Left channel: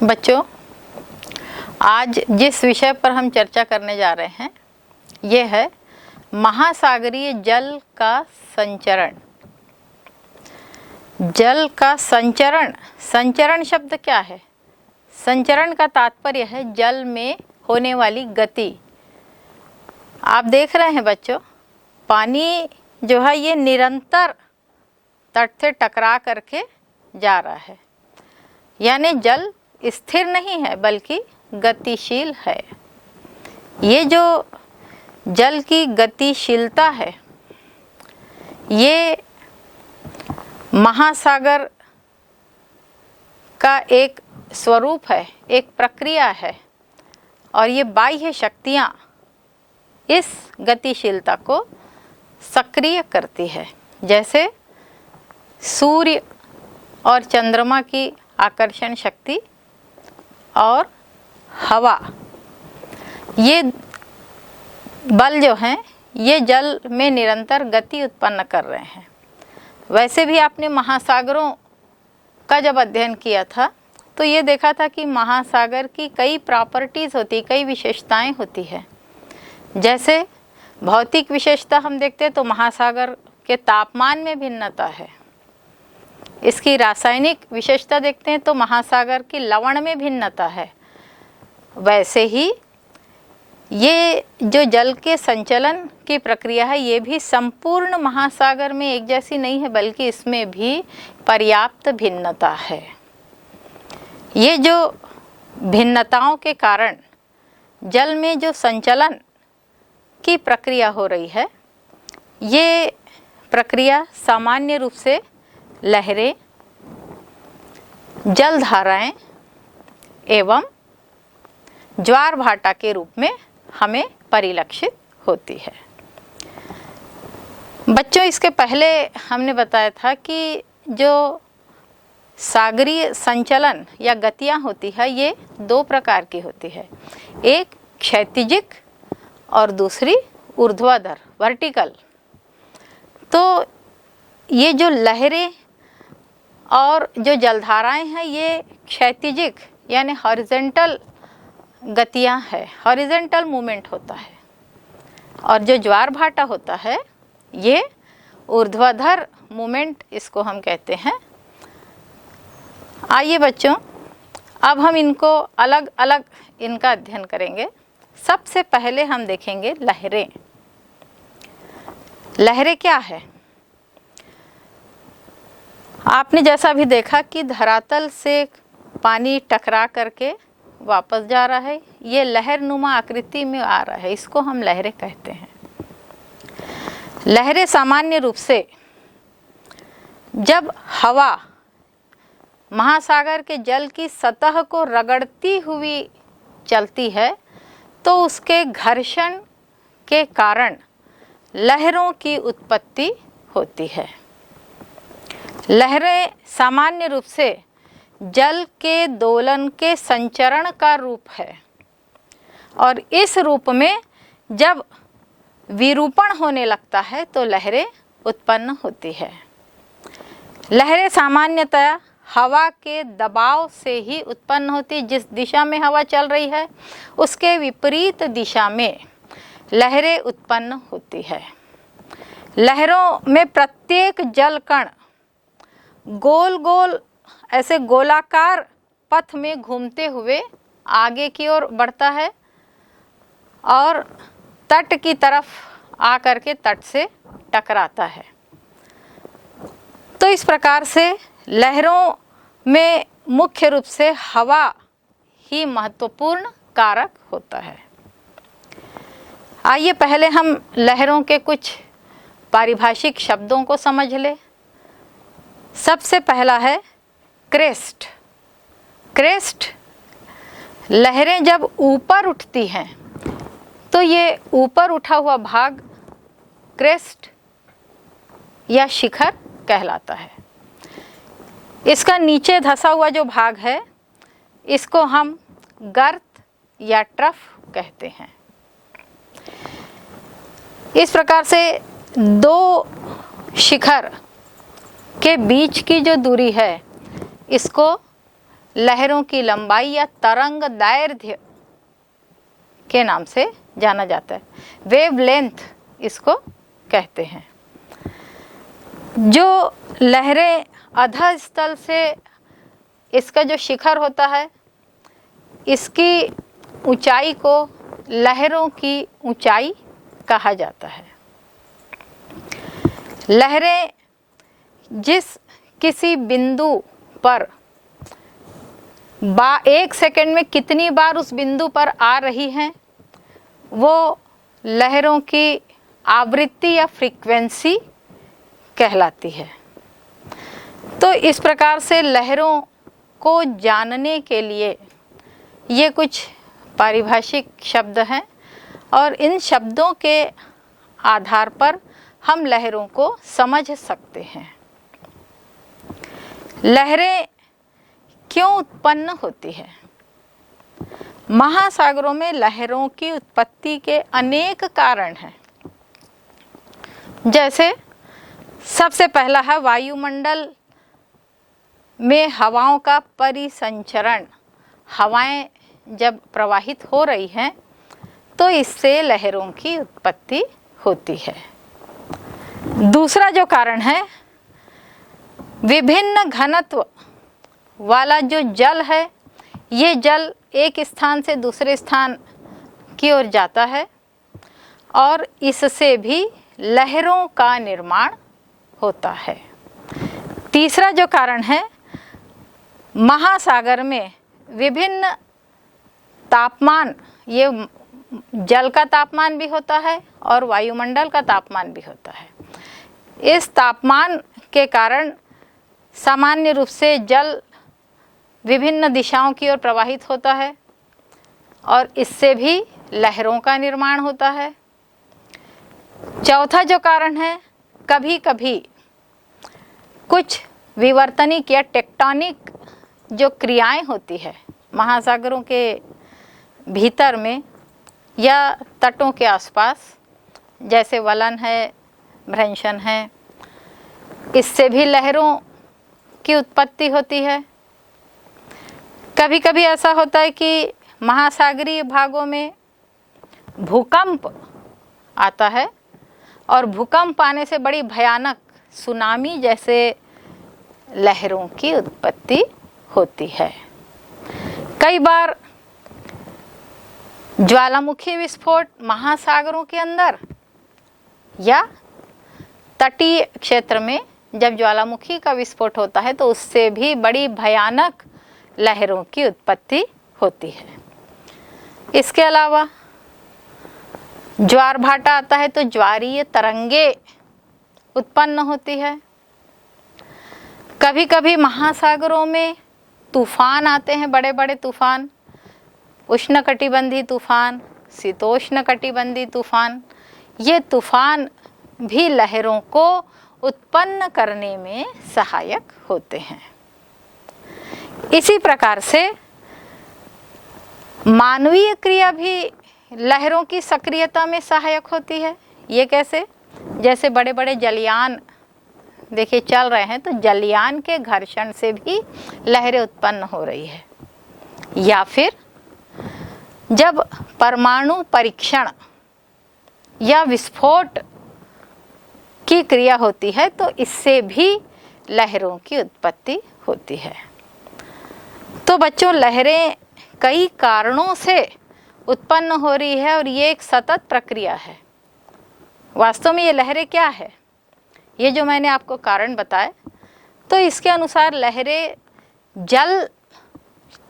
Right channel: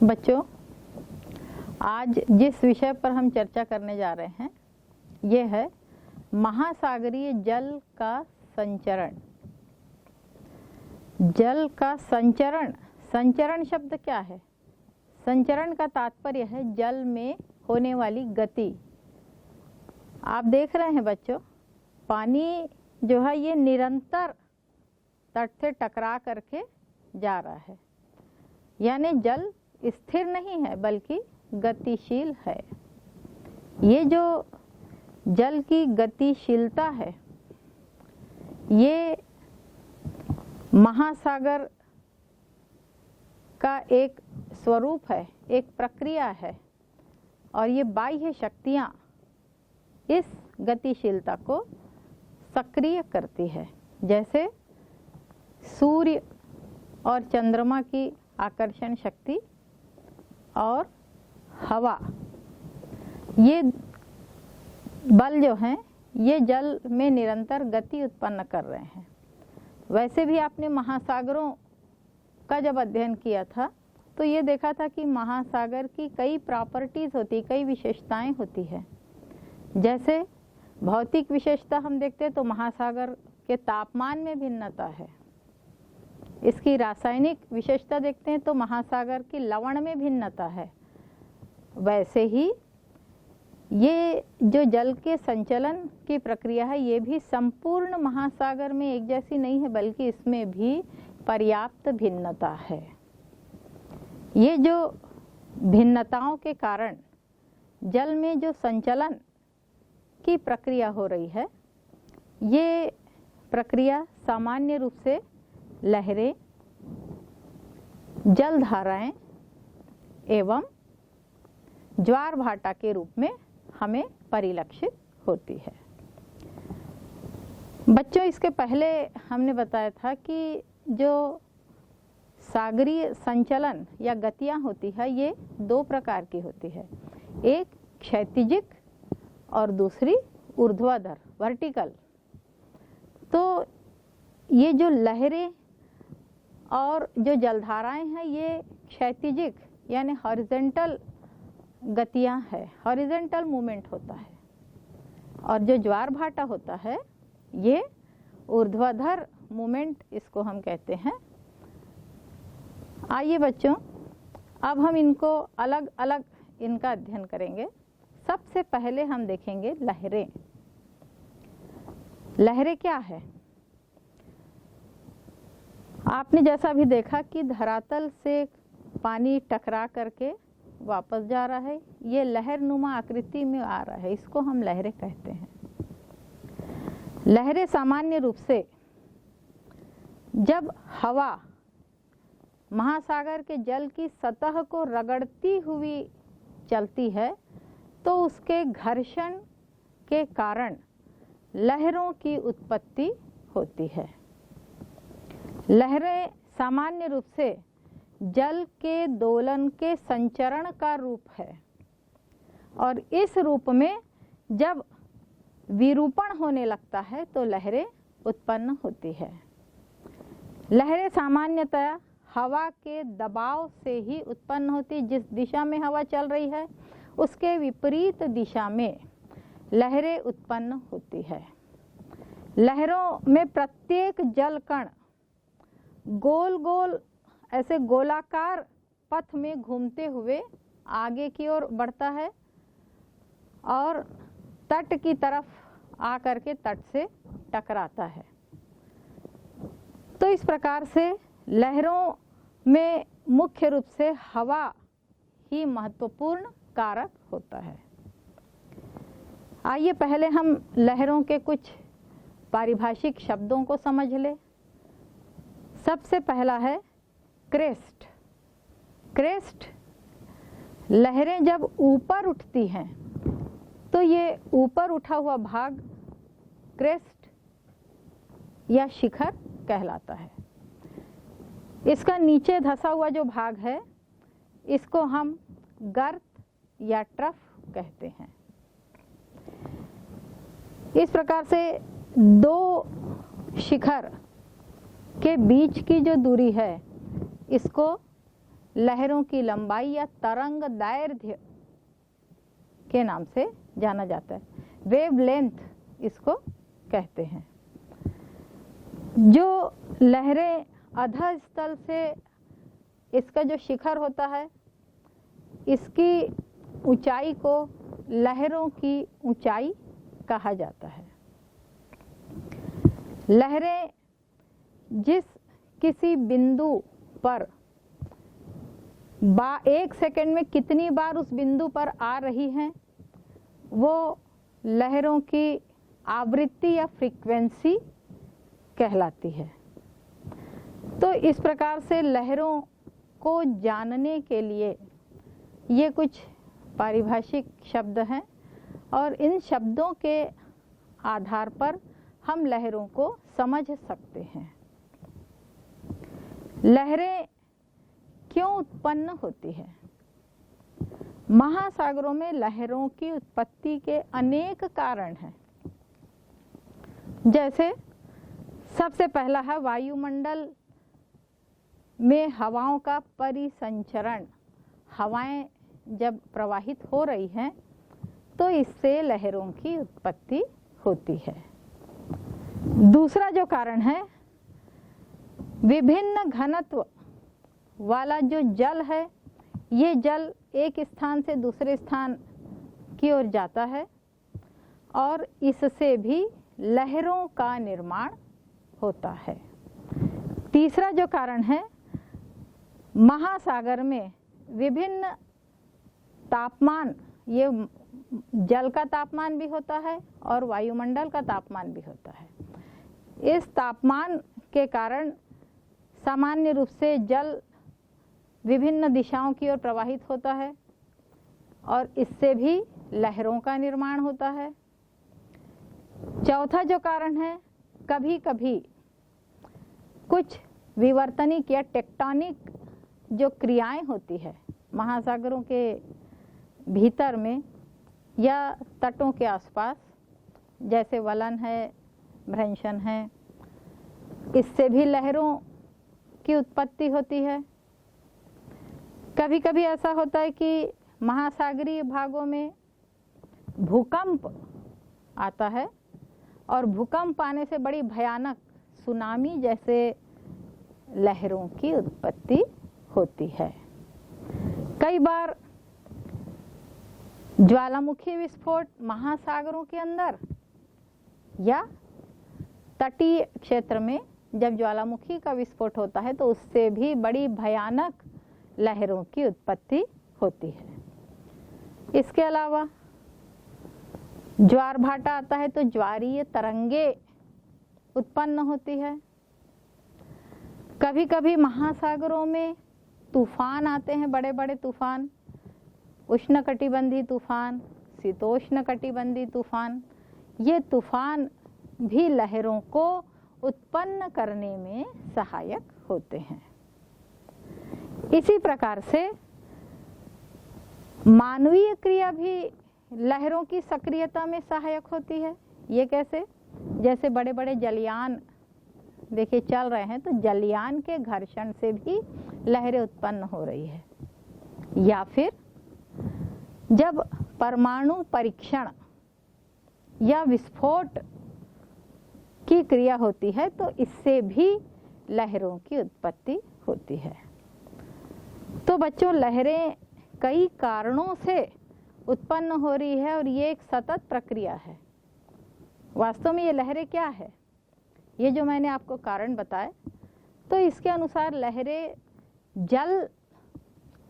बच्चों, आज जिस विषय पर हम चर्चा करने जा रहे हैं ये है महासागरीय जल का संचरण। जल का संचरण, संचरण शब्द क्या है? संचरण का तात्पर्य है जल में होने वाली गति। आप देख रहे हैं बच्चों, पानी जो है ये निरंतर तट से टकरा करके जा रहा है, यानी जल स्थिर नहीं है बल्कि गतिशील है। ये जो जल की गतिशीलता है ये महासागर का एक स्वरूप है, एक प्रक्रिया है, और ये बाह्य शक्तियाँ इस गतिशीलता को सक्रिय करती है। जैसे सूर्य और चंद्रमा की आकर्षण शक्ति और हवा, ये बल जो हैं ये जल में निरंतर गति उत्पन्न कर रहे हैं। वैसे भी आपने महासागरों का जब अध्ययन किया था तो ये देखा था कि महासागर की कई प्रॉपर्टीज़ होती, कई विशेषताएं होती है। जैसे भौतिक विशेषता हम देखते हैं तो महासागर के तापमान में भिन्नता है। इसकी रासायनिक विशेषता देखते हैं तो महासागर की लवण में भिन्नता है। वैसे ही ये जो जल के संचलन की प्रक्रिया है ये भी संपूर्ण महासागर में एक जैसी नहीं है, बल्कि इसमें भी पर्याप्त भिन्नता है। ये जो भिन्नताओं के कारण जल में जो संचलन की प्रक्रिया हो रही है ये प्रक्रिया सामान्य रूप से लहरें, जलधाराएं एवं ज्वार भाटा के रूप में हमें परिलक्षित होती है। बच्चों, इसके पहले हमने बताया था कि जो सागरीय संचलन या गतियां होती है ये दो प्रकार की होती है, एक क्षैतिजिक और दूसरी ऊर्ध्वाधर, वर्टिकल। तो ये जो लहरें और जो जलधाराएं हैं ये क्षैतिजिक यानी हॉरिजॉन्टल गतियां हैं, हॉरिजॉन्टल मूवमेंट होता है, और जो ज्वार भाटा होता है ये ऊर्ध्वाधर मूवमेंट इसको हम कहते हैं। आइए बच्चों, अब हम इनको अलग अलग इनका अध्ययन करेंगे। सबसे पहले हम देखेंगे लहरें। लहरें क्या है? आपने जैसा भी देखा कि धरातल से पानी टकरा करके वापस जा रहा है, ये लहर नुमा आकृति में आ रहा है, इसको हम लहरें कहते हैं। लहरें सामान्य रूप से जब हवा महासागर के जल की सतह को रगड़ती हुई चलती है तो उसके घर्षण के कारण लहरों की उत्पत्ति होती है। लहरें सामान्य रूप से जल के दोलन के संचरण का रूप है, और इस रूप में जब विरूपण होने लगता है तो लहरें उत्पन्न होती है। लहरें सामान्यतः हवा के दबाव से ही उत्पन्न होती। जिस दिशा में हवा चल रही है उसके विपरीत दिशा में लहरें उत्पन्न होती है। लहरों में प्रत्येक जल कण गोल गोल ऐसे गोलाकार पथ में घूमते हुए आगे की ओर बढ़ता है और तट की तरफ आकर के तट से टकराता है। तो इस प्रकार से लहरों में मुख्य रूप से हवा ही महत्वपूर्ण कारक होता है। आइए पहले हम लहरों के कुछ पारिभाषिक शब्दों को समझ लें। सबसे पहला है क्रेस्ट। क्रेस्ट, लहरें जब ऊपर उठती हैं तो ये ऊपर उठा हुआ भाग क्रेस्ट या शिखर कहलाता है। इसका नीचे धंसा हुआ जो भाग है इसको हम गर्त या ट्रफ कहते हैं। इस प्रकार से दो शिखर के बीच की जो दूरी है इसको लहरों की लंबाई या तरंग दैर्ध्य के नाम से जाना जाता है। वेवलेंथ इसको कहते हैं। जो लहरें अधः स्थल से, इसका जो शिखर होता है, इसकी ऊंचाई को लहरों की ऊंचाई कहा जाता है। लहरें जिस किसी बिंदु पर एक सेकंड में कितनी बार उस बिंदु पर आ रही हैं, वो लहरों की आवृत्ति या फ्रीक्वेंसी कहलाती है। तो इस प्रकार से लहरों को जानने के लिए ये कुछ पारिभाषिक शब्द हैं और इन शब्दों के आधार पर हम लहरों को समझ सकते हैं। लहरें क्यों उत्पन्न होती है? महासागरों में लहरों की उत्पत्ति के अनेक कारण हैं। जैसे सबसे पहला है वायुमंडल में हवाओं का परिसंचरण। हवाएं जब प्रवाहित हो रही हैं तो इससे लहरों की उत्पत्ति होती है। दूसरा जो कारण है, विभिन्न घनत्व वाला जो जल है, ये जल एक स्थान से दूसरे स्थान की ओर जाता है और इससे भी लहरों का निर्माण होता है। तीसरा जो कारण है, महासागर में विभिन्न तापमान, ये जल का तापमान भी होता है और वायुमंडल का तापमान भी होता है। इस तापमान के कारण सामान्य रूप से जल विभिन्न दिशाओं की ओर प्रवाहित होता है और इससे भी लहरों का निर्माण होता है। चौथा जो कारण है, कभी कभी कुछ विवर्तनिक या टेक्टोनिक जो क्रियाएं होती है महासागरों के भीतर में या तटों के आसपास, जैसे वलन है, भ्रंशन है, इससे भी लहरों की उत्पत्ति होती है। कभी कभी ऐसा होता है कि महासागरीय भागों में भूकंप आता है और भूकंप आने से बड़ी भयानक सुनामी जैसे लहरों की उत्पत्ति होती है। कई बार ज्वालामुखी विस्फोट महासागरों के अंदर या तटीय क्षेत्र में जब ज्वालामुखी का विस्फोट होता है तो उससे भी बड़ी भयानक लहरों की उत्पत्ति होती है। इसके अलावा ज्वार भाटा आता है तो ज्वारीय तरंगे उत्पन्न होती है। कभी कभी महासागरों में तूफान आते हैं, बड़े बड़े तूफान, उष्णकटिबंधीय तूफान, शीतोष्णकटिबंधीय तूफान। ये तूफान भी लहरों को उत्पन्न करने में सहायक होते हैं। इसी प्रकार से मानवीय क्रिया भी लहरों की सक्रियता में सहायक होती है। ये कैसे? जैसे बड़े बड़े जलयान देखिए चल रहे हैं तो जलयान के घर्षण से भी लहरें उत्पन्न हो रही है। या फिर जब परमाणु परीक्षण या विस्फोट की क्रिया होती है तो इससे भी लहरों की उत्पत्ति होती है। तो बच्चों, लहरें कई कारणों से उत्पन्न हो रही है और ये एक सतत प्रक्रिया है। वास्तव में ये लहरें क्या है, ये जो मैंने आपको कारण बताए, तो इसके अनुसार लहरें जल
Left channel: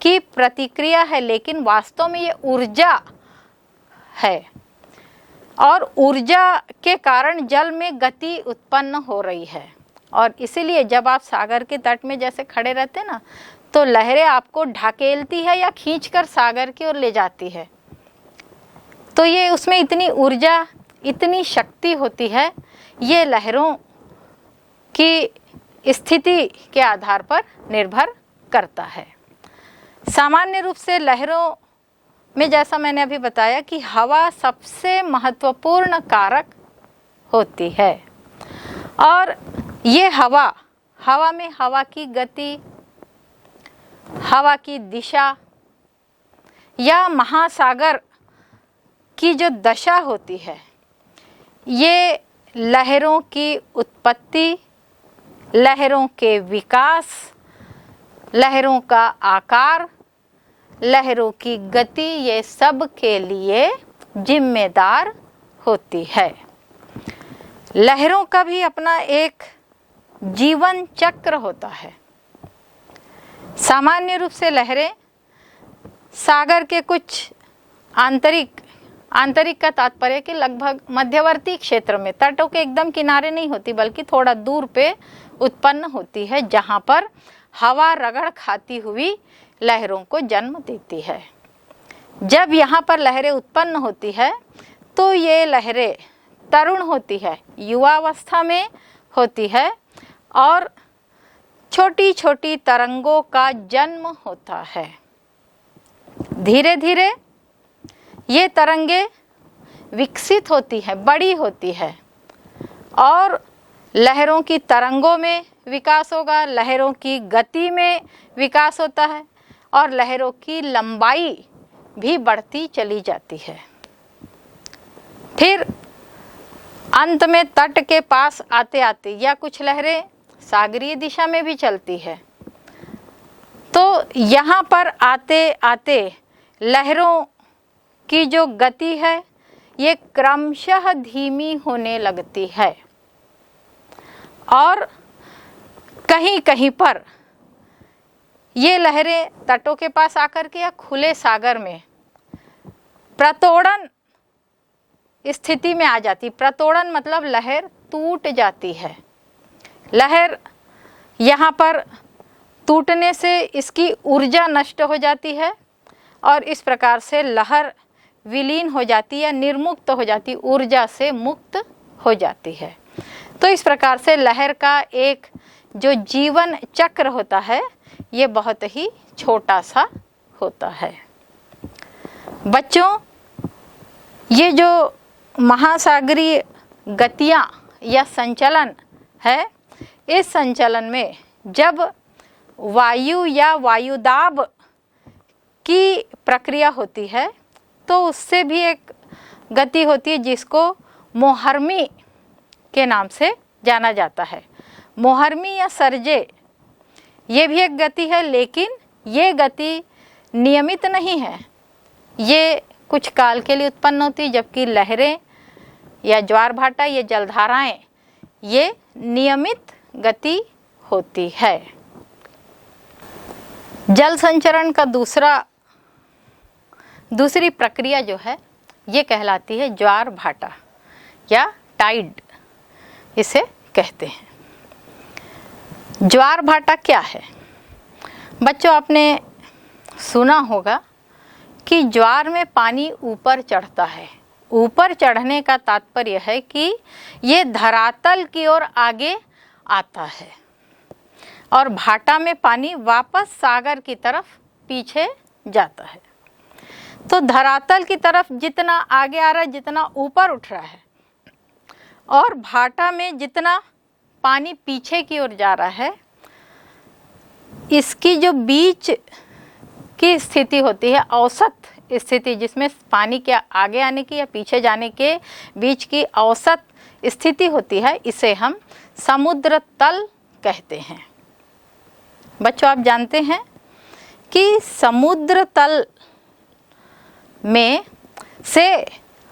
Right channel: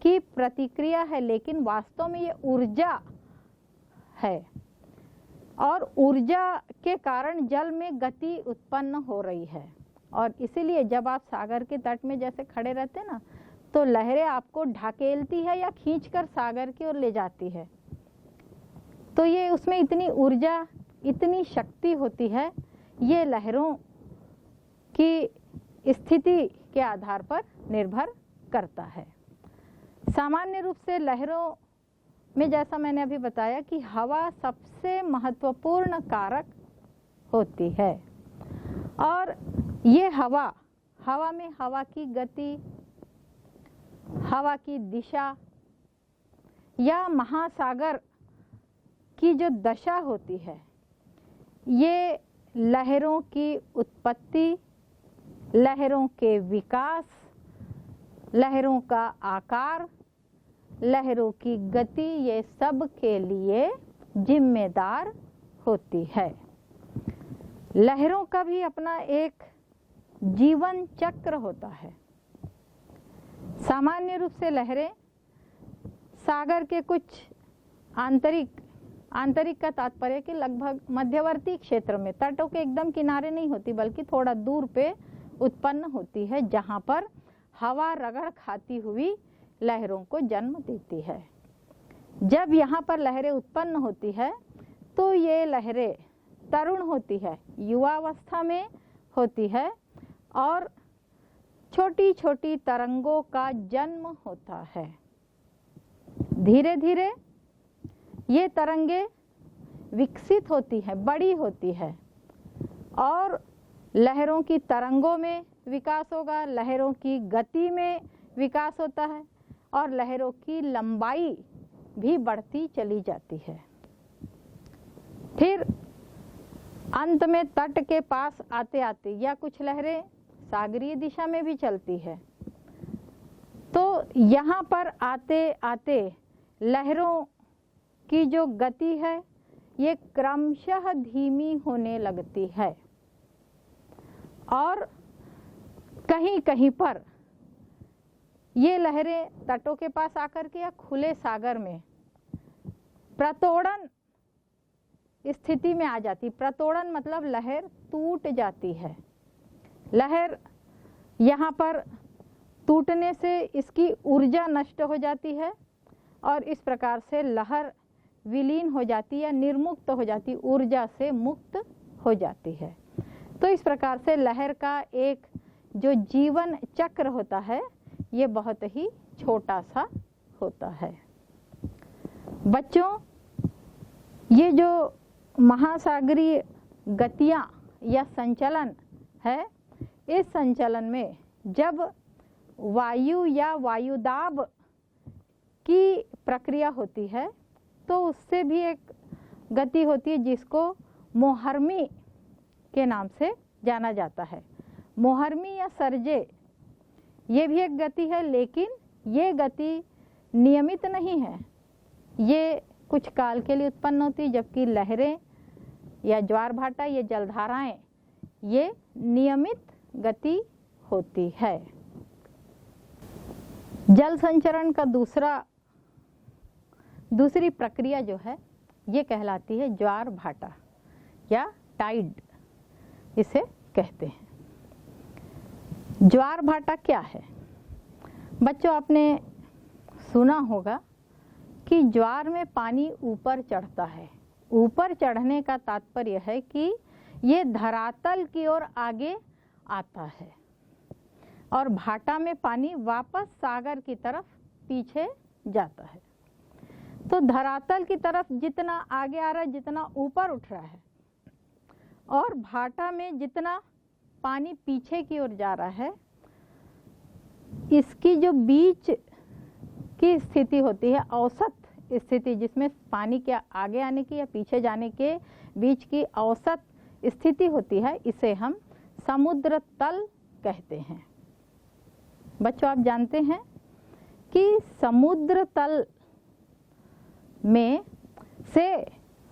की प्रतिक्रिया है, लेकिन वास्तव में ये ऊर्जा है और ऊर्जा के कारण जल में गति उत्पन्न हो रही है। और इसीलिए जब आप सागर के तट में जैसे खड़े रहते हैं ना, तो लहरें आपको ढकेलती है या खींचकर सागर की ओर ले जाती है। तो ये उसमें इतनी ऊर्जा, इतनी शक्ति होती है। ये लहरों की स्थिति के आधार पर निर्भर करता है। सामान्य रूप से लहरों में जैसा मैंने अभी बताया कि हवा सबसे महत्वपूर्ण कारक होती है और ये हवा में हवा की गति, हवा की दिशा या महासागर की जो दशा होती है, ये लहरों की उत्पत्ति, लहरों के विकास, लहरों का आकार, लहरों की गति, ये सब के लिए जिम्मेदार होती है। लहरों का भी अपना एक जीवन चक्र होता है। सामान्य रूप से लहरें सागर के कुछ आंतरिक का तात्पर्य कि लगभग मध्यवर्ती क्षेत्र में, तटों के एकदम किनारे नहीं होती बल्कि थोड़ा दूर पे उत्पन्न होती है, जहाँ पर हवा रगड़ खाती हुई लहरों को जन्म देती है। जब यहाँ पर लहरें उत्पन्न होती है तो ये लहरें तरुण होती है, युवावस्था में होती है और छोटी छोटी तरंगों का जन्म होता है। धीरे धीरे ये तरंगे विकसित होती हैं, बड़ी होती है और लहरों की तरंगों में विकास होगा, लहरों की गति में विकास होता है और लहरों की लंबाई भी बढ़ती चली जाती है। फिर अंत में तट के पास आते आते या कुछ लहरें सागरीय दिशा में भी चलती है, तो यहाँ पर आते आते लहरों की जो गति है ये क्रमशः धीमी होने लगती है और कहीं कहीं पर ये लहरें तटों के पास आकर के या खुले सागर में प्रतोड़न स्थिति में आ जाती। प्रतोड़न मतलब लहर टूट जाती है। लहर यहाँ पर टूटने से इसकी ऊर्जा नष्ट हो जाती है और इस प्रकार से लहर विलीन हो जाती है, निर्मुक्त हो जाती, ऊर्जा से मुक्त हो जाती है। तो इस प्रकार से लहर का एक जो जीवन चक्र होता है ये बहुत ही छोटा सा होता है। बच्चों, ये जो महासागरीय गतियाँ या संचलन है, इस संचलन में जब वायु या वायुदाब की प्रक्रिया होती है तो उससे भी एक गति होती है जिसको मोहर्मी के नाम से जाना जाता है। मोहर्मी या सरजे ये भी एक गति है, लेकिन ये गति नियमित नहीं है, ये कुछ काल के लिए उत्पन्न होती है, जबकि लहरें या ज्वार भाटा, ये जलधाराएं, ये नियमित गति होती है। जल संचरण का दूसरी प्रक्रिया जो है ये कहलाती है ज्वार भाटा या टाइड, इसे कहते हैं। ज्वार भाटा क्या है? बच्चों, आपने सुना होगा कि ज्वार में पानी ऊपर चढ़ता है। ऊपर चढ़ने का तात्पर्य है कि ये धरातल की ओर आगे आता है और भाटा में पानी वापस सागर की तरफ पीछे जाता है। तो धरातल की तरफ जितना आगे आ रहा है, जितना ऊपर उठ रहा है, और भाटा में जितना पानी पीछे की ओर जा रहा है, इसकी जो बीच की स्थिति होती है, औसत स्थिति, जिसमें पानी के आगे आने की या पीछे जाने के बीच की औसत स्थिति होती है, इसे हम समुद्र तल कहते हैं। बच्चों, आप जानते हैं कि समुद्र तल में से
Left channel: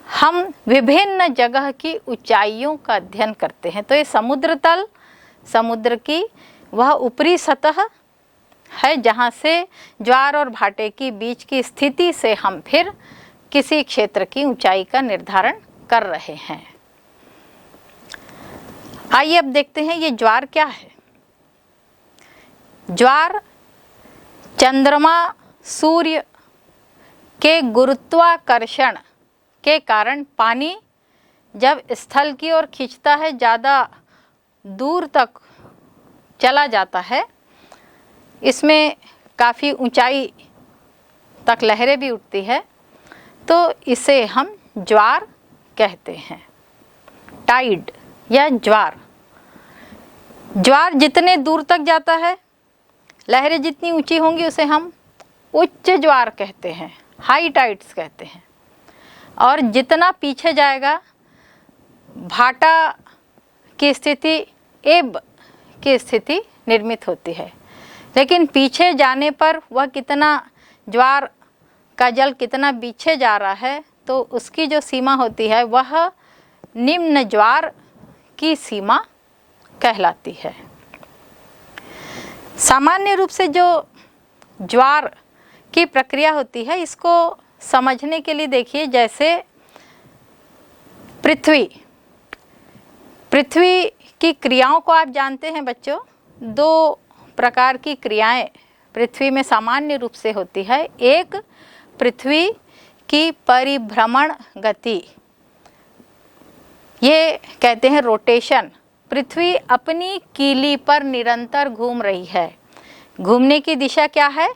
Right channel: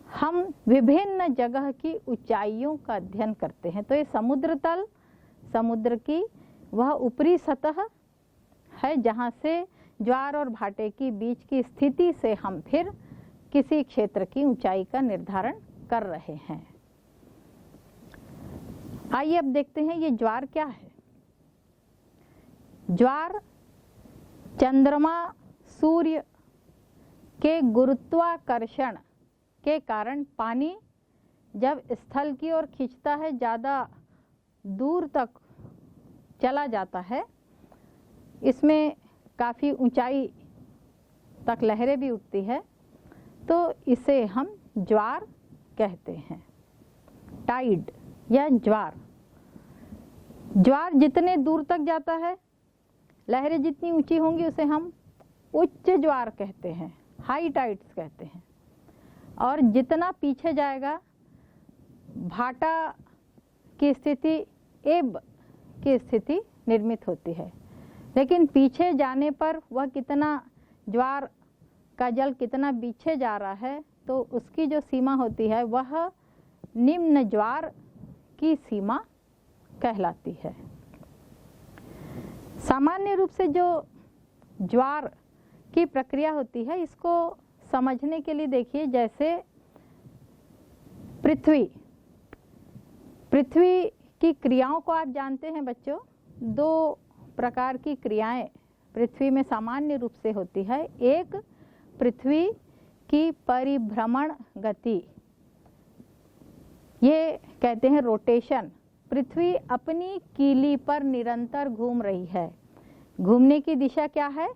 हम विभिन्न जगह की ऊंचाइयों का अध्ययन करते हैं। तो ये समुद्र तल, समुद्र की वह ऊपरी सतह है जहाँ से ज्वार और भाटे की बीच की स्थिति से हम फिर किसी क्षेत्र की ऊंचाई का निर्धारण कर रहे हैं। आइए अब देखते हैं ये ज्वार क्या है। ज्वार चंद्रमा सूर्य के गुरुत्वाकर्षण के कारण पानी जब स्थल की ओर खींचता है, ज़्यादा दूर तक चला जाता है, इसमें काफ़ी ऊंचाई तक लहरें भी उठती है, तो इसे हम ज्वार कहते हैं। टाइड या ज्वार, ज्वार जितने दूर तक जाता है लहरें जितनी ऊंची होंगी उसे हम उच्च ज्वार कहते हैं, हाई टाइड्स कहते हैं। और जितना पीछे जाएगा भाटा की स्थिति, एब की स्थिति निर्मित होती है। लेकिन पीछे जाने पर वह कितना, ज्वार का जल कितना पीछे जा रहा है, तो उसकी जो सीमा होती है वह निम्न ज्वार की सीमा कहलाती है। सामान्य रूप से जो ज्वार की प्रक्रिया होती है, इसको समझने के लिए देखिए, जैसे पृथ्वी की क्रियाओं को आप जानते हैं बच्चों। 2 प्रकार की क्रियाएं पृथ्वी में सामान्य रूप से होती है। एक पृथ्वी की परिभ्रमण गति, ये कहते हैं रोटेशन। पृथ्वी अपनी कीली पर निरंतर घूम रही है। घूमने की दिशा क्या है?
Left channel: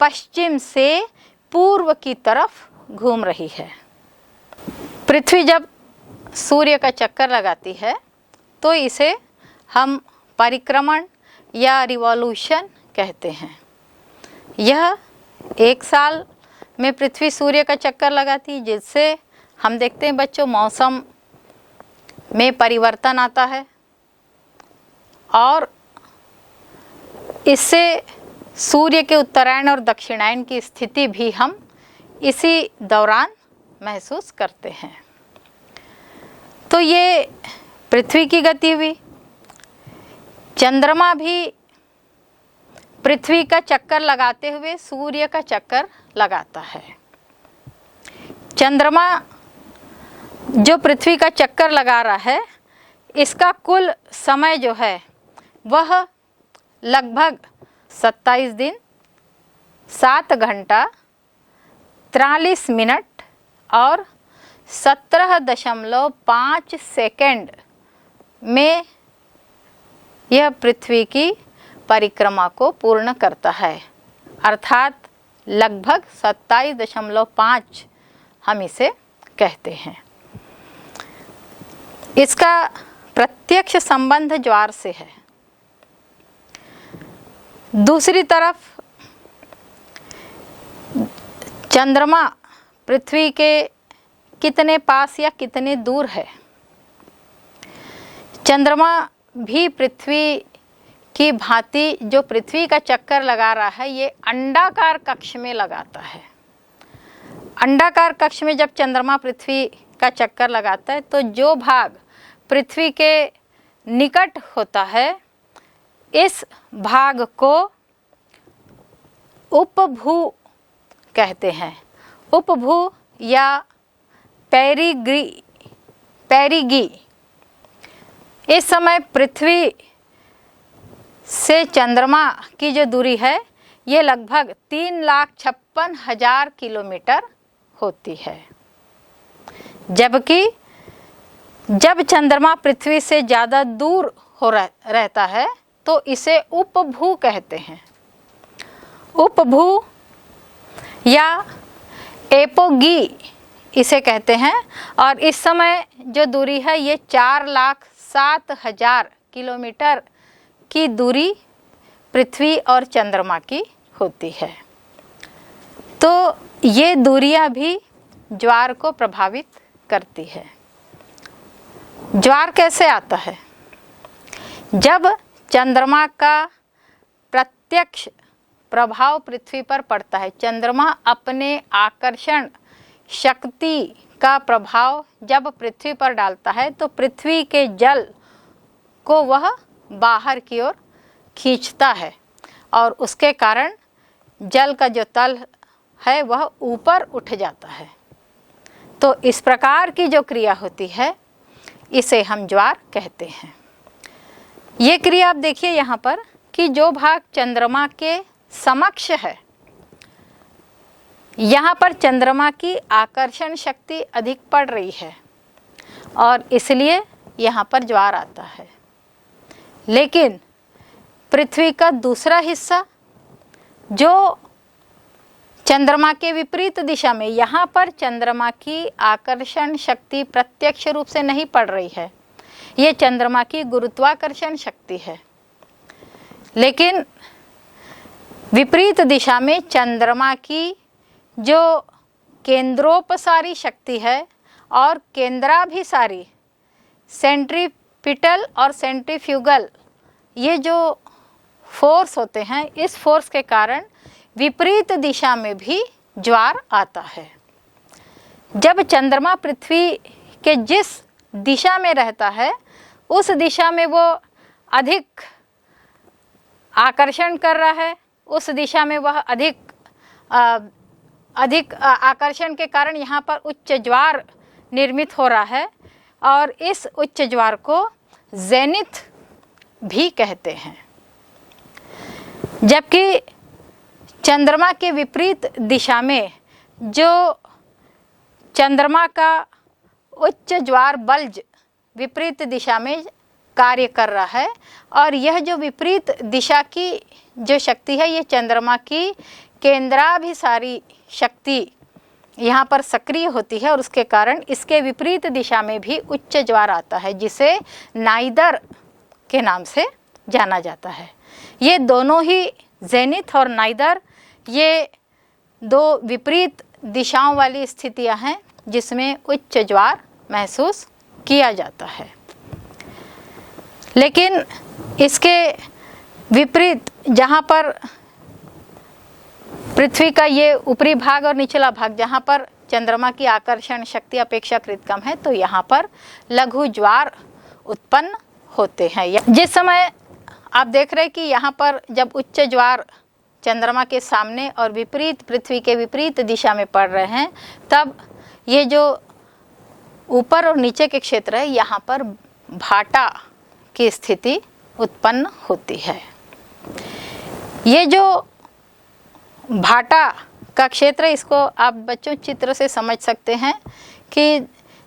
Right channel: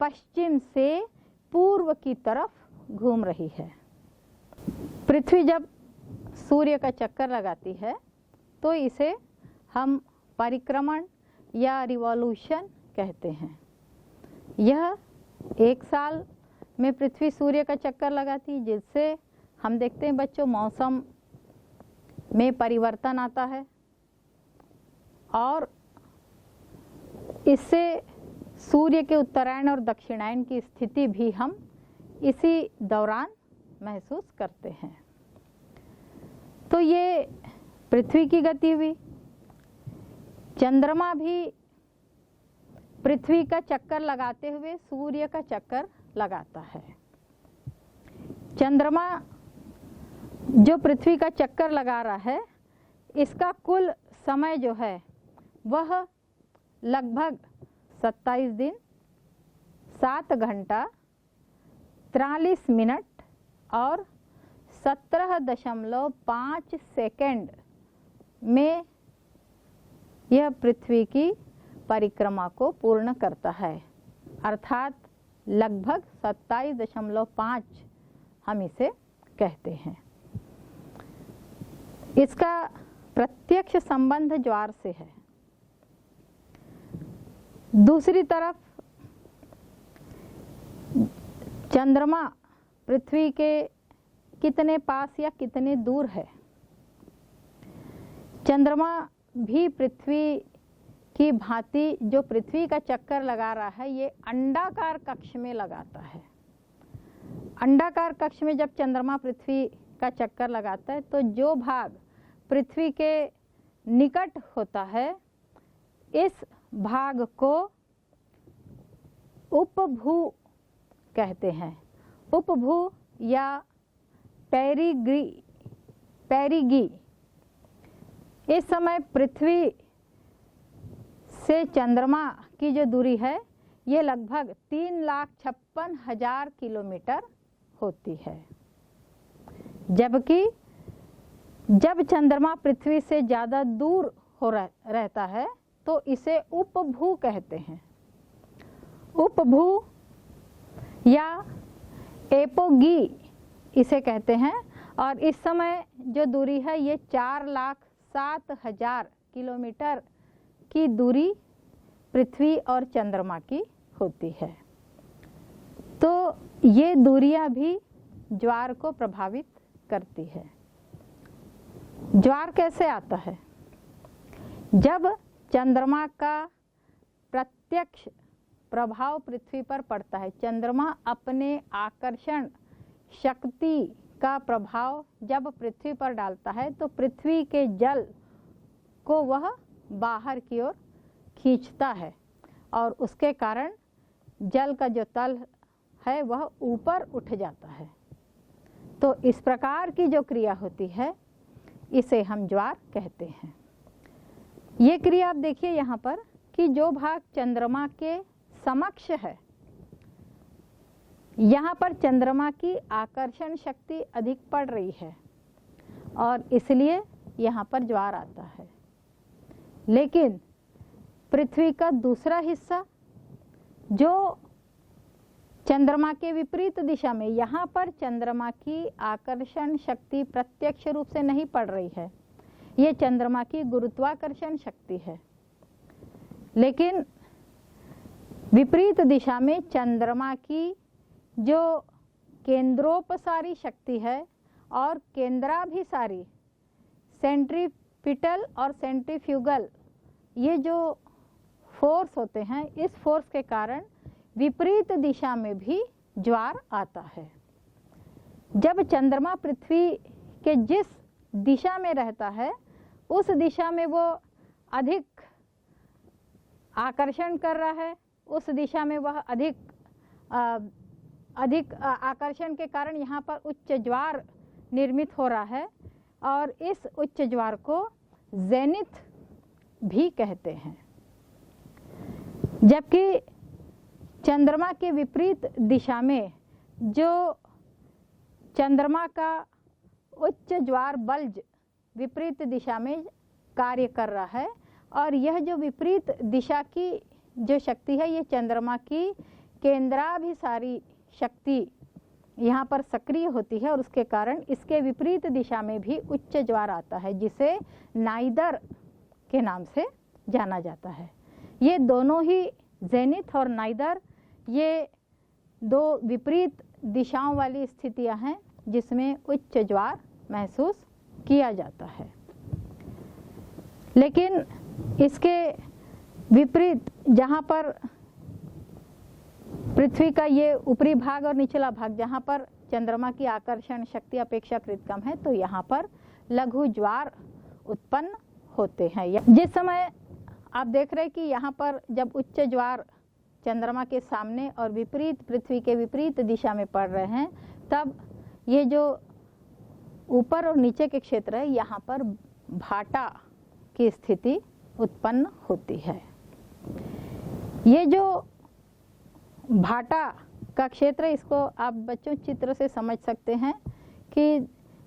पश्चिम से पूर्व की तरफ घूम रही है। पृथ्वी जब सूर्य का चक्कर लगाती है तो इसे हम परिक्रमण या रिवॉल्यूशन कहते हैं। यह 1 साल में पृथ्वी सूर्य का चक्कर लगाती है, जिससे हम देखते हैं बच्चों मौसम में परिवर्तन आता है और इससे सूर्य के उत्तरायण और दक्षिणायन की स्थिति भी हम इसी दौरान महसूस करते हैं। तो ये पृथ्वी की गति हुई। चंद्रमा भी पृथ्वी का चक्कर लगाते हुए सूर्य का चक्कर लगाता है। चंद्रमा जो पृथ्वी का चक्कर लगा रहा है, इसका कुल समय जो है वह लगभग 27 दिन 7 घंटा 43 मिनट और 17.5 सेकंड में यह पृथ्वी की परिक्रमा को पूर्ण करता है। अर्थात लगभग 27.5 हम इसे कहते हैं। इसका प्रत्यक्ष संबंध ज्वार से है। दूसरी तरफ चंद्रमा पृथ्वी के कितने पास या कितने दूर है? चंद्रमा भी पृथ्वी की भांति जो पृथ्वी का चक्कर लगा रहा है, ये अंडाकार कक्ष में लगाता है। अंडाकार कक्ष में जब चंद्रमा पृथ्वी का चक्कर लगाता है तो जो भाग पृथ्वी के निकट होता है, इस भाग को उपभू कहते हैं। उपभू या पेरिगी। इस समय पृथ्वी से चंद्रमा की जो दूरी है, ये लगभग 3,56,000 किलोमीटर होती है। जबकि जब चंद्रमा पृथ्वी से ज़्यादा दूर हो रहता है तो इसे उपभू कहते हैं। उपभू या एपोगी इसे कहते हैं। और इस समय जो दूरी है, ये 4,07,000 किलोमीटर की दूरी पृथ्वी और चंद्रमा की होती है। तो ये दूरियां भी ज्वार को प्रभावित करती है। ज्वार कैसे आता है? जब चंद्रमा का प्रत्यक्ष प्रभाव पृथ्वी पर पड़ता है। चंद्रमा अपने आकर्षण शक्ति का प्रभाव जब पृथ्वी पर डालता है तो पृथ्वी के जल को वह बाहर की ओर खींचता है और उसके कारण जल का जो तल है वह ऊपर उठ जाता है। तो इस प्रकार की जो क्रिया होती है, इसे हम ज्वार कहते हैं। ये क्रिया आप देखिए यहाँ पर कि जो भाग चंद्रमा के समक्ष है, यहाँ पर चंद्रमा की आकर्षण शक्ति अधिक पड़ रही है और इसलिए यहाँ पर ज्वार आता है। लेकिन पृथ्वी का दूसरा हिस्सा जो चंद्रमा के विपरीत दिशा में, यहाँ पर चंद्रमा की आकर्षण शक्ति प्रत्यक्ष रूप से नहीं पड़ रही है, ये चंद्रमा की गुरुत्वाकर्षण शक्ति है। लेकिन विपरीत दिशा में चंद्रमा की जो केंद्रोपसारी शक्ति है और केंद्राभिसारी सेंट्रीपिटल और सेंट्रीफ्यूगल ये जो फोर्स होते हैं, इस फोर्स के कारण विपरीत दिशा में भी ज्वार आता है। जब चंद्रमा पृथ्वी के जिस दिशा में रहता है उस दिशा में वो अधिक आकर्षण कर रहा है, उस दिशा में वह अधिक आकर्षण के कारण यहाँ पर उच्च ज्वार निर्मित हो रहा है और इस उच्च ज्वार को जेनिथ भी कहते हैं। जबकि चंद्रमा के विपरीत दिशा में जो चंद्रमा का उच्च ज्वार बल्ज विपरीत दिशा में कार्य कर रहा है और यह जो विपरीत दिशा की जो शक्ति है ये चंद्रमा की केंद्राभिसारी शक्ति यहाँ पर सक्रिय होती है और उसके कारण इसके विपरीत दिशा में भी उच्च ज्वार आता है, जिसे नाइदर के नाम से जाना जाता है। ये दोनों ही जेनिथ और नाइदर ये दो विपरीत दिशाओं वाली स्थितियां हैं जिसमें उच्च ज्वार महसूस किया जाता है। लेकिन इसके विपरीत जहाँ पर पृथ्वी का ये ऊपरी भाग और निचला भाग जहाँ पर चंद्रमा की आकर्षण शक्ति अपेक्षाकृत कम है, तो यहाँ पर लघु ज्वार उत्पन्न होते हैं। जिस समय आप देख रहे हैं कि यहाँ पर जब उच्च ज्वार चंद्रमा के सामने और विपरीत पृथ्वी के विपरीत दिशा में पड़ रहे हैं, तब ये जो ऊपर और नीचे के क्षेत्र है यहाँ पर भाटा की स्थिति उत्पन्न होती है। ये जो भाटा का क्षेत्र, इसको आप बच्चों चित्र से समझ सकते हैं कि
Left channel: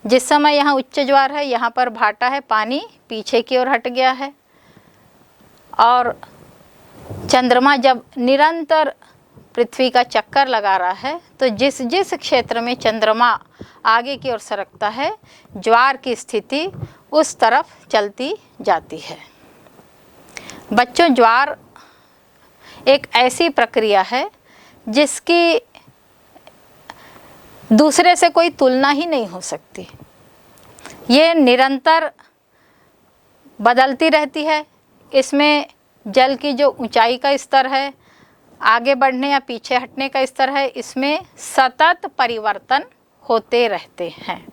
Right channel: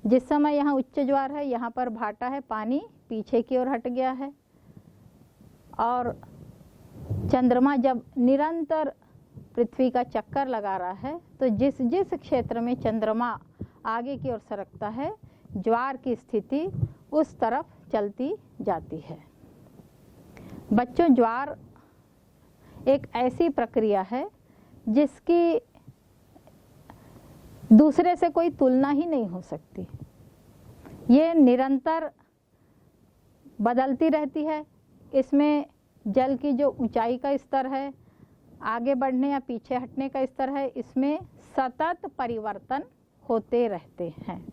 जिस समय यहाँ उच्च ज्वार है यहाँ पर भाटा है, पानी पीछे की ओर हट गया है और चंद्रमा जब निरंतर पृथ्वी का चक्कर लगा रहा है तो जिस जिस क्षेत्र में चंद्रमा आगे की ओर सरकता है ज्वार की स्थिति उस तरफ चलती जाती है। बच्चों, ज्वार एक ऐसी प्रक्रिया है जिसकी दूसरे से कोई तुलना ही नहीं हो सकती। ये निरंतर बदलती रहती है। इसमें जल की जो ऊंचाई का स्तर है, आगे बढ़ने या पीछे हटने का स्तर है, इसमें सतत परिवर्तन होते रहते हैं।